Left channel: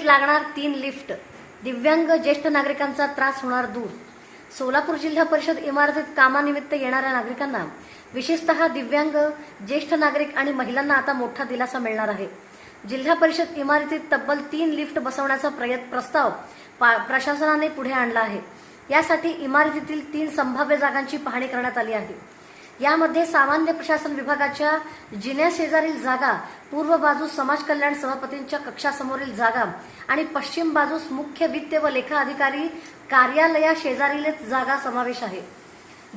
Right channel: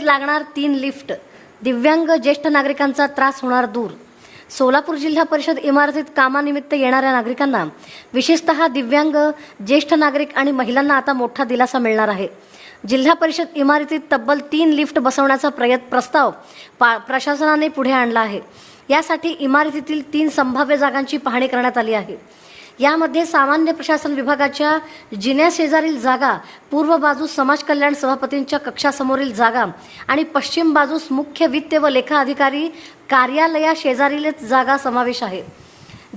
इमारतीत लागणार 3 लिफ्ट, दिव्यांग ज्येष्ठ नागरिकांचा त्रास होणार दूर। सोलापूर जिल्हा परिषद इमारतीत कामानिमित्त येणाऱ्या नागरिकांना, विशेषतः दिव्यांग ज्येष्ठ नागरिक आणि महिलांना आता मोठा दिलासा मिळणार आहे। जिल्हा परिषद इमारतीत तब्बल 3 लिफ्ट बसवण्याचा प्रस्ताव प्रशासनाने पुढे आणला आहे। यासाठी इमारतीतील 3 संभाव्य जागांची पाहणी करण्यात आली आहे। यामध्ये सामान्य प्रशासन विभागाच्या जिन्या शेजारील जागा, पूर्व बाजूस समाज कल्याण सभापतींच्या कक्षासमोरील जागा आणि पश्चिम बाजूस मुख्य वित्त व लेखा अधिकारी कार्यालया शेजारीलच जागा समावेश आहे।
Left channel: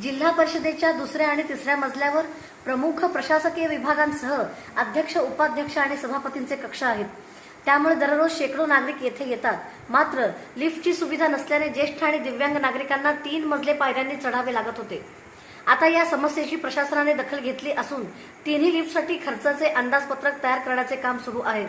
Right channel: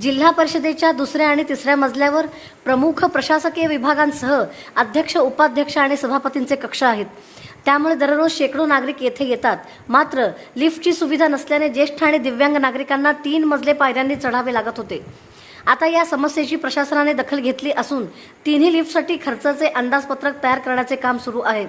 जिल्हा परिषदेच्या दुसऱ्या आणि तिसऱ्या मजल्यावर प्रमुख प्रशासकीय विभागांसह अध्यक्ष, उपाध्यक्ष आणि सभापतींचे कक्ष आहेत। त्यामुळे दररोज शेकडो नागरिक येथे येतात। मात्र लिफ्टची सुविधा नसल्याने ज्येष्ठ आणि दिव्यांग नागरिकांना 3 मजले पायऱ्यांनी चढावे लागत होते। आता या समस्येची प्रशासनाने दखल घेतली असून 3ही लिफ्टसाठी खर्चाचे अंदाजपत्रक तयार करण्याचे काम सुरू आहे।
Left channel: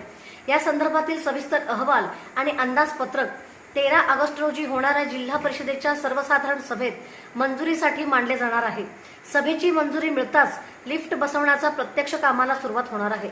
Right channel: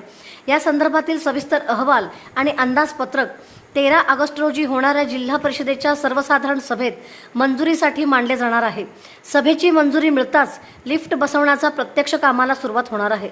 या संदर्भातील सविस्तर अहवाल आणि अंदाजपत्रक 13 ऑगस्ट रोजी होणाऱ्या जिल्हा परिषदेच्या सर्वसाधारण सभेत मंजुरीसाठी मांडले जाणार आहे। सभेची मंजुरी मिळताच लिफ्ट बसवण्याचा प्रत्यक्ष कामाला सुरुवात होणार आहे।